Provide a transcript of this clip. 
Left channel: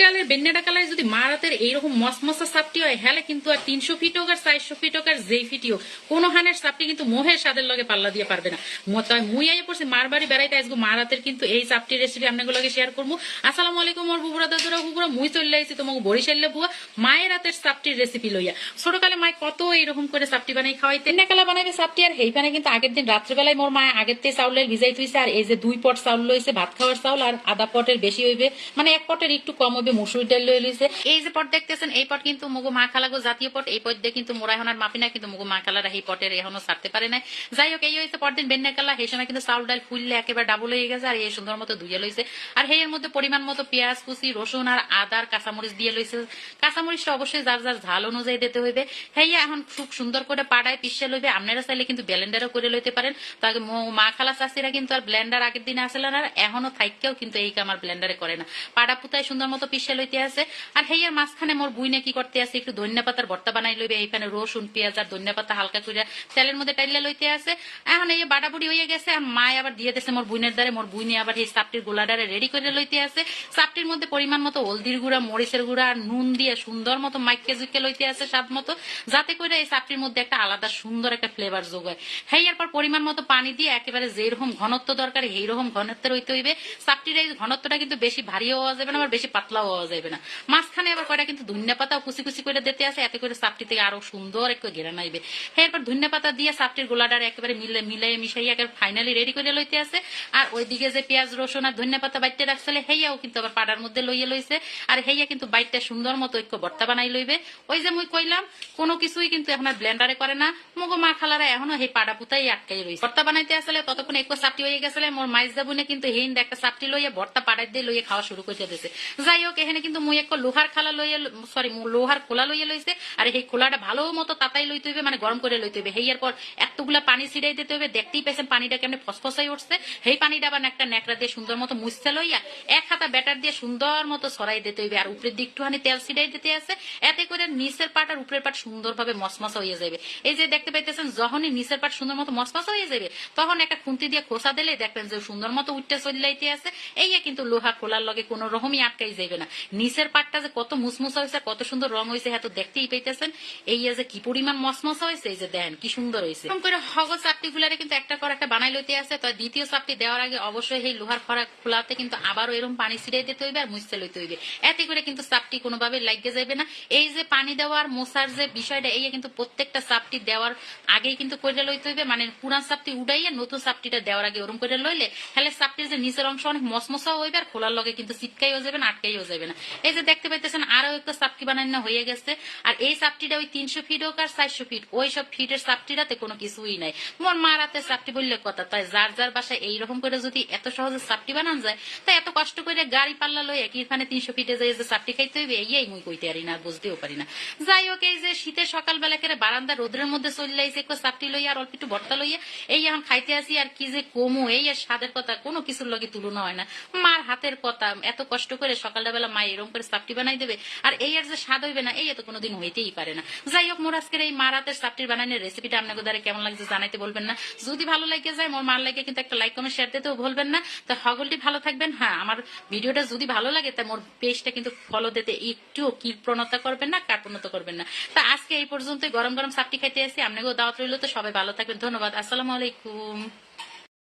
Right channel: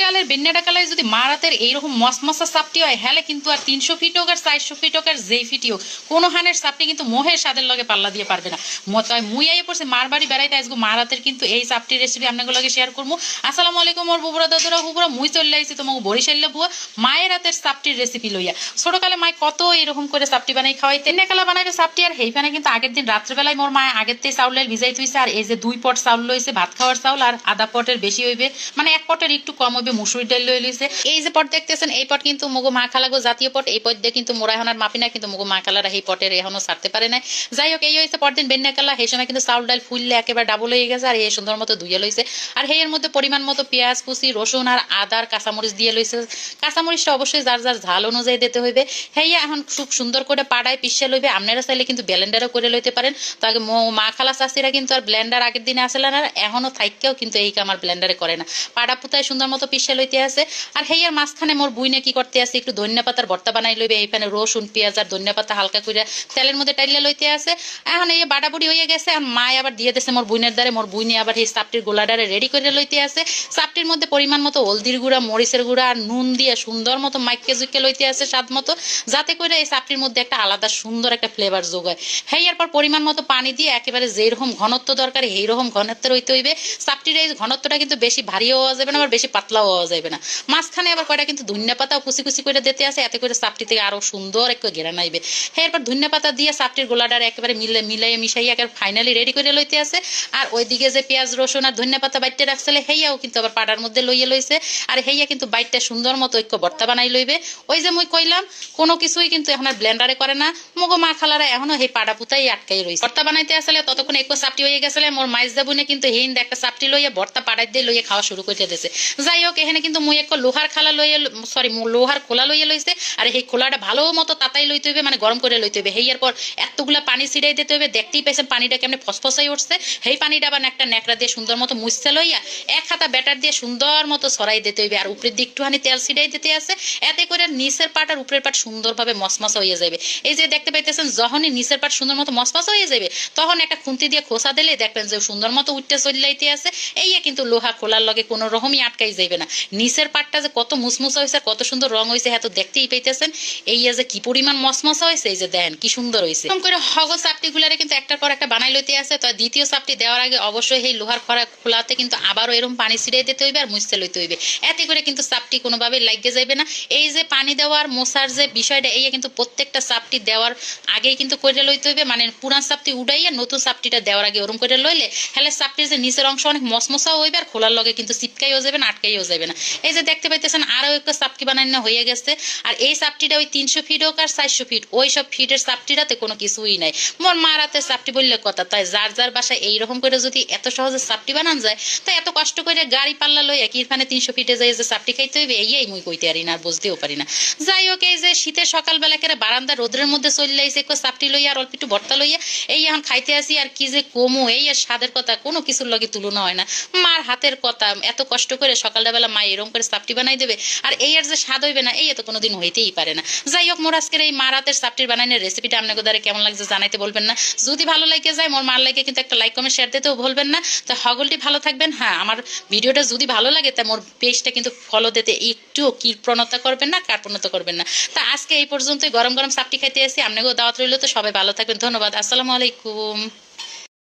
চালের বেন্নাটা কালায় যদি মারাতের এইরকম মসমসা সাপটি হয় হ্যালে কিন্তু আর তিনশো ফিট হোক আর চারশো ফিট হোক আর যেই ফিটি হোক, কোনো হানের সাপটি কিন্তু মোহের স্বাদের লগে পাল্লা দিয়ে পারবে না। তাই মুই আইয়ে পড়ছে মার বাড়ি বেড়াইতে আসব মারাতের কিন্তু এই চাপটির রেসিপি আপনাদের লগে শেয়ার করব। আসসালামু আলাইকুম ওর বুবুরা দাদুরা, বুবুরা, মুই চলে আইছি তোমাকে বরিশাল্লে বুয়া। মায়ের হাতের সাপটির রেসিপি লইয়া। ছোটকালে মায় কত এরকম করে সাপটি বানাই খাওয়াইতে নেকালা বানাইবে সাপটি, আর হেইখানে কিন্তু আগের দিন রাত্রেবেলায় মোর মায় আগের থেকে চাউলের ভিজাই থুইছে, আর এই যে দুই পট চাউল লইছে, ভাত খাওয়ার চাউল, আর আধা পটের বেশি হইবে। মানে এক পটের একটু কম হইবে মুসুরি ডাল লই লইছে। এই যে পট দেখতেছেন, এই পট কিন্তু মগো মা খালাগো জাতীয় পট। এই পট দিয়ে কিন্তু মোরা আর মাপি না কিন্তু মগো মা খালারা এই পটের এখনও ছাড়তে পারে না যাই হোক, এই হয়েছে পরদিন বেন্না কালা সেই সময় কিন্তু চাউল ডাল ফুললে একেবারে ডাবল হয়ে গেছে, আর এই সুন্দর মতো ধুয়ে লইছে। আর হেয়ের মধ্যে পরিমাণ মতো পেঁয়াজ, কুচি, রসুন আর আদার কাঁচামরিচ দিয়ে লইছে। কাঁচামরিচটা অবশ্যই যার যার ঝাল অনুযায়ী দিতে হইবে। হেয়া এখন খুব সুন্দর করে পাড়ায় পিসে লইবে। আপনারা চাইলে কিন্তু ব্লেন্ডারও করে লইতে পারেন। তো আগে মা খালা চাষিরা কিন্তু আর ব্লেন্ডার আগের দিনে আসলে না এখনও থাইকেও কিন্তু এই কামার ব্লেন্ডারে করে না। পাড়া পুতায় সুন্দর মতো পিসে লইতে আছে। আর হেয়ার মাঝখানে মোর বুইনে কি করতে আছে, একটু ধনিয়া পাতার ভর্তা বানাই লইবে এইখানে রসুন, পেঁয়াজ আর ধনিয়া পাতা হালকা করে তেলের মধ্যে টাইলে লইতে আছে। এখন এই বাড়াবুড়ি হয়ে গেছে আর মায় আবার দিয়ে দিয়েছে মোর বুইনের দ্বারে, মোর বুইনে আবার এই চাপটির গোলাডারে রেডি করে লইতে আছে। চাপটির মধ্যে পরিমাণ মতো হলদির গুঁড়া, মরিচের গুঁড়া আর নুন দিয়ে সুন্দর মতো মাইকে জুইকে লইতে আছে স্বাদ মতো, যাতে করে এই চাপটির মধ্যে একটা আলাদা সুন্দর একটা ফ্লেভার যোগ হয়। হ্যাঁ এরপর পরিমাণ মতো পানি দিয়ে একেবারে যেরকম ঘনত্ব দরকার এই রকম ঘনত্বের হইতে হইবে। চাপটির এই ঘনত্বটা কিন্তু বেশি ভারীও হওয়া যাবে না, আবার বেশি পাতলাও হওয়া যাবে না। মাঝখানে আবার কয়টা কিন্তু ধনিয়া পাতাও কুচি কুচি করে দিতে আছে এতে করে চাপটি থেকে আরও সুন্দর একটু ঘেরা নাইবে। হ্যাঁ এরপর ধনিয়া পাতা দিয়ে চাপটির গোলাডার একেবারে মিলে মিলাই মিশাই একেবারে ফাইনালি রেডি করে লইতে আছে আর ওইদিকে যে পেঁয়াজ, রসুন আর ধনিয়া পাতা বাইটে রাখছিলে, হেইয়াও কিন্তু আবার পাড়ার মধ্যে লইয়ে লইছে। আর হেইয়া কিন্তু বাইটটা সুন্দর মতো ঐক্য ভর্তা বানাই লইবে। ওই যে মুই কইলাম, কোনো কিছুই কিন্তু এখন আর ব্লেন্ডারে করে না। মগো মা খালারা এখনও সেই পাড়া পুতাই আটকাই রইছে। ভর্তা বানাইতে আসলে ততক্ষণ একো চাপটি হয়ে গেছিলে, মোর মাইজ দাবুনে কিন্তু হিন্দ একটা চাপটি লইয়ে ভর্তা পাড়াই দিয়ে লইয়ে খাওয়া শুরু করে দিয়েছে যাই হোক এখানে কিন্তু মুই এক লোহার খালা লইয়ে সরি লোহার খোলা লইয়ে লইছে আর সেই খোলাটা ভালো মতো তাতাই লইতে হইবে মানে গরম করে লইতে হইবে হেয়ার পর এতগুলা পানি ছিটাই দিতে হবে দেখতেই পাইছেন পানিটা কেমনে ফসফসাই উঠছে। সেই পানিটা আবার একটা ন্যাকড়া দিয়ে সুন্দর মতো মুছতে লইয়া এক হাতা ব্যাটার দিয়ে সুন্দর মতো সরাই দিতে হইবে। আর উপরের দিক একটুখানি তেল ছিটাই দিতে আছে। এতে করে নিচের পাট আর উপরের পাট সুন্দরভাবে মসমসা হয়ে যাবে এই যে দেখতে পাইতেছেন, যখনই নিচের পাট সুন্দর মতো মসমসা হয়ে যাবে তখন একটা খুন্তি দিয়ে খোসা দিলে দেখবেন যে সুন্দর মতো উঠতে চলাইতে আছে। এই কিন্তু লোহা খোলার লগে কোনো রকমই আটকাই যাবে না। নিচের পাটটা যে কত মুসমুসা হয়েছে কত সুন্দর রং হয়েছে হ্যাঁ তো দেখতেই পাইতেছেন। এই যে কি পরিমাণ মসমসা হয়েছে এই যে দেখেন কি সুন্দর হয়েছে এরকম করে হগ চাপটি গুলারে কিন্তু একটার পর একটা বানাই লইতে আছে। তো দ্বিতীয় চাপটি দেওয়ার আগে অবশ্যই এই লোহার খরা খোলাতে কিন্তু আবারও এরকম পানি ছিটাই দিতে হইবে আর মুছতে লইতে হইবে। এতে করে কিন্তু চাপটি কোনোভাবে লাগিয়ে যাবে না। এই যে পানি দেওয়ার মশার যে বিষয়টা, এই কিন্তু প্রত্যেকটা চাপটি দেওয়ার আগেই কিন্তু করে লইতে হইবে। মানে পুরান চাপটি উড়াইয়া নতুন চাপটিটা দেওয়ার আগে ওরম করে লইলে হলে চাপটির যে নিচের অংশ অনেক মসমসাও হইবে আর খোলার লগে কিন্তু চিপকাইও যাবে না, আটকাইও যাবে। না। এই যে দেখতে পাইতেছেন আরও একটা চাপটি বানানো হয়ে গেছে। আর এই চাপটিটা ওই তিনশো ফিট হোক আর চারশো ফিট, ওই সব ফিটের চাপটিটাতে কোনো কিছুই নাই। মোর মা রাতে চাপটি বললে কথা, তাই যার যার বাসায় এইরকম করে যদি এত সহজে চাপটি বানান যায়, তাই এত কষ্ট করে গাড়ি পাল্লা লই একইখানে তিনশো ফিটে যাই যে চাপটি খাইতে হইবে এই মুই কইতে পারি না বুঝতেও পারি না। যাই হোক, এই যে শীতের সকালবেলা করে বারান্দা রোদ্রের মধ্যে চলে আইসে একটু চাপটি লইয়া আর অল্প একটু ভর্তা লইয়া, এই এখন খাইতে আসি, আর কি যে কমু, এই আর স্বাদের কথা কোনো কিছুর লগে তুলনা হয় না। মার হাতের কথা, এত কষ্ট করে সকালবেলা মা, এরকম করে চাপটি বানাই দেবে? আর এই আর যে স্বাদ হইবে না, এই এত কোনোদিন হইতেই পারে না। যাই হোক, মোর আজকের এই মার হাতের চাপটির বানানোর রেসিপিটা আপনাকে দ্বারা কেমন লাগছে জানাইতে বলবেন না। যদি ভালো লাগে যায়, মোর মার লাগে কিন্তু একটা লাইক কমেন্ট শেয়ার দিতেও ভুলবেন না। তো হগলটি ভালো থাকবেন। হ্যাঁ আমার ভিডিওটা যদি ভালো লাগে, তা মোর পেজটা কিন্তু ফলো দিতে একটুও কৃপণতা করবেন না কার্পণতা করবেন না। তা আজকে এই পর্যন্তই। গরম গরম সাপটি খাইতে আসি। আপনাকেও দাওয়াত রইল। তো সবাই ভালো থাকবেন। ধন্যবাদ। আসসালামু আলাইকুম।